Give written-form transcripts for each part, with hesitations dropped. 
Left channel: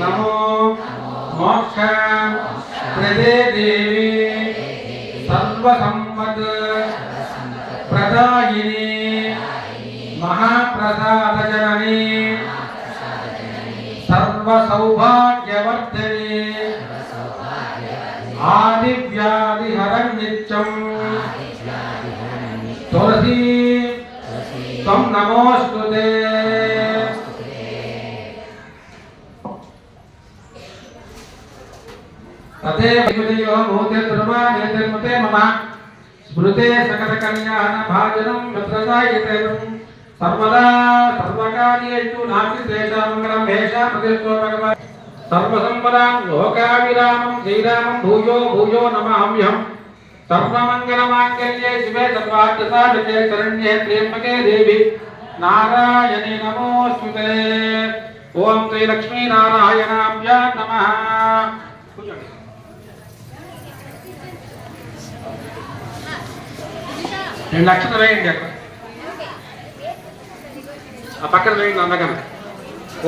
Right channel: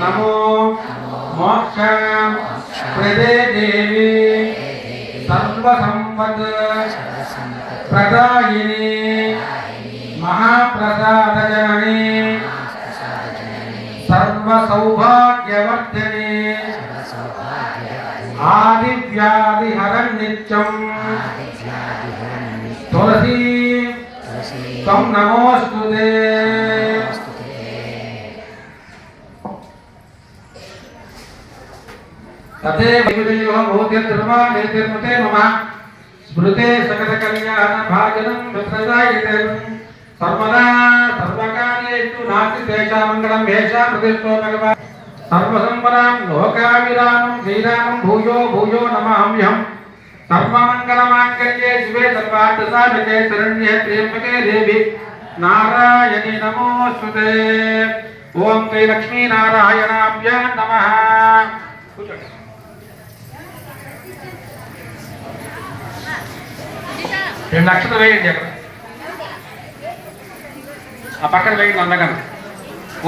नमो मोक्ष प्रदे देवी सर्वसंपत् प्रदायिनी महाप्रसादजननी सर्वसौभाग्यवर्धिनी आदिव्याधिहरं नित्यं तुलसी त्वं नमोस्तुते। तथैव विदयो भूते दुर्वाणेते मम स्मृते सकलकल्याण भाजनं रुद्रदायिते सर्वदा सर्वकार्येषु नास्ति तेषां मङ्गलं भेषा प्रतिष्ठो भगवान् सर्वसंपदां लोकाभिरामं श्रीरामं भूयो भूयो नमाम्यहम् सर्वमङ्गलमाङ्गल्ये शिवे सर्वार्थसाधके शरण्ये त्र्यम्बके देवी नारायणी नमोस्तुते। ओम श्री लक्ष्मी नारायणाभ्यां नमः। రెండు లక్షలు వేయండి ఆ పక్కన వేయండి అందగా।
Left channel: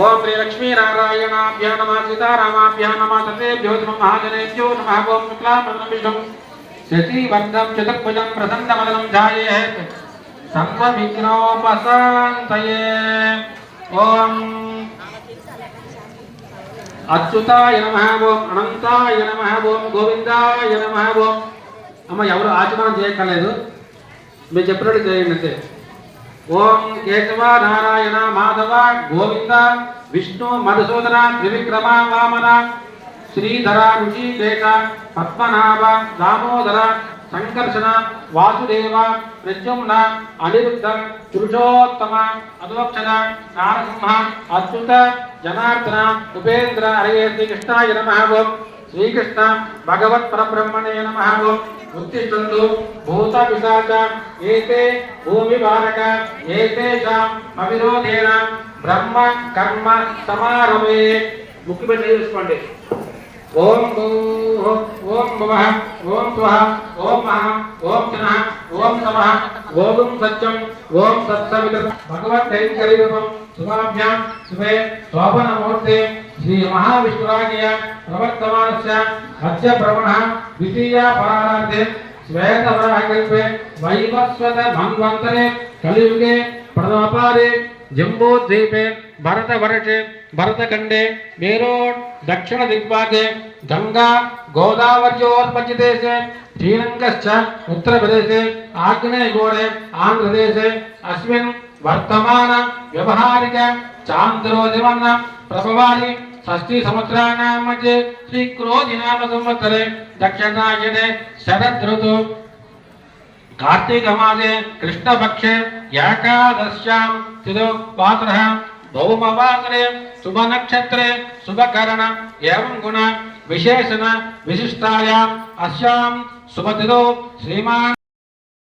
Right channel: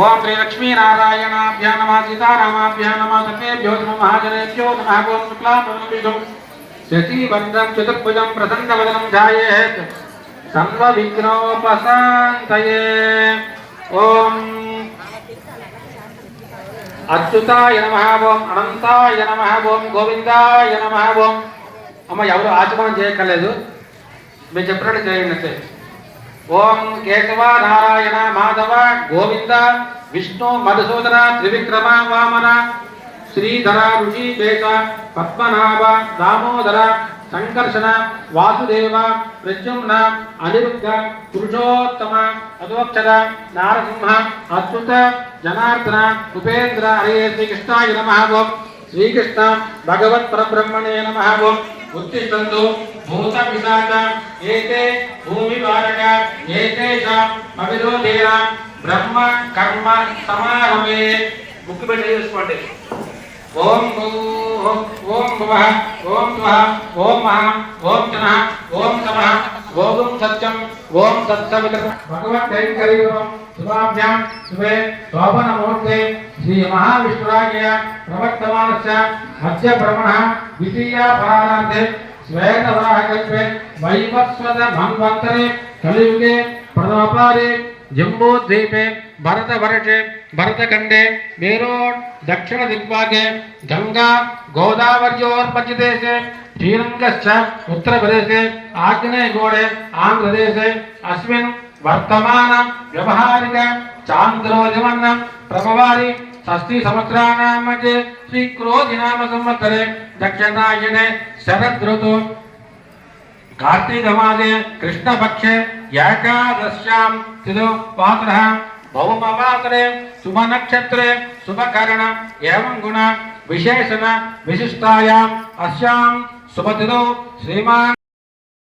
ఓం శ్రీ లక్ష్మీ నారాయణాభ్యా నమః సీతారామాభ్యా నమః సర్వేభ్యో మహాజనేభ్యో నమః। ఓం శుక్లాంబరధరం విష్ణుం శశివర్ధనం చతుర్భుజం ప్రసన్నవదనం ధ్యాయేత్ సర్వవిఘ్నోపశాంతయే। ఓం అచ్యుతాయ నమః ఓం అనంతాయ నమః ఓం గోవిందాయ నమః ఓం। అమ్మ ఎవరు ఆచమనం చేయక్కర్లేదు, मैं చెప్పినట్టు చేయండి। ओम केशव नारायण माधव गोविंद विष्णु मधुसूदन त्रिविक्रम वामन श्रीधर ऋषिकेश पद्मनाभ दामोदर संकर्षण वासुदेव प्रद्युम्न अनिरुद्ध पुरुषोत्तम अधोक्षर नारसिंह अच्युत जनार्दन उपेन्द्र हरे श्रीकृष्णाय नमः। ओम श्रीकृष्ण भगवत् परब्रह्मणे नमः। ओम उत्तिष्ठन्तु भूत पिशाच एते भूमिभारक एतेषां अविरोधेन ब्रह्म कर्म समारभे। मुख्य में చేసుకోండి। ओम भूः ओम भुवः ओम स्वः ओम महः ओम जनः ओम तमः ओम सत्यं ओम सत्सवितुः भगवद्दैवकरीरूपं शुभाभ्यां शुभे शोभनमुहूर्ते श्री महाविष्णुराज्ञया प्रवर्तमानस्य मध्य ब्रह्मणः द्वितीया परार्धे श्वेतवराहकल्पे वैवस्वत मन्वन्तरे कलियुगे प्रतापारे जम्बूद्वीपे भरतवर्षे भरतखण्डे मेरोड दक्षिण दिग्भागे गंगा गोदावर्योर्पचिदेशे श्रीरङ्गश्च उत्तरप्रदेशे आग्नेयगोळे आन्ध्रदेशे अस्मिन् वर्तमान व्यवहारिक चान्द्रोदिवन्न प्रभवारि षष्ठी संवत्सराणां मध्ये श्रीक्रोधिनाम संवत्सरे दक्षिणायने शरद ऋतु कार्तिक मासे कृष्णपक्षे एकादश्यां तिथिवासरः भौमवासरे शुभ नक्षत्रे शुभकरण एवं गुण विशेषण विशिष्टायाम् अस्यां शुभतिथौ श्रीमान्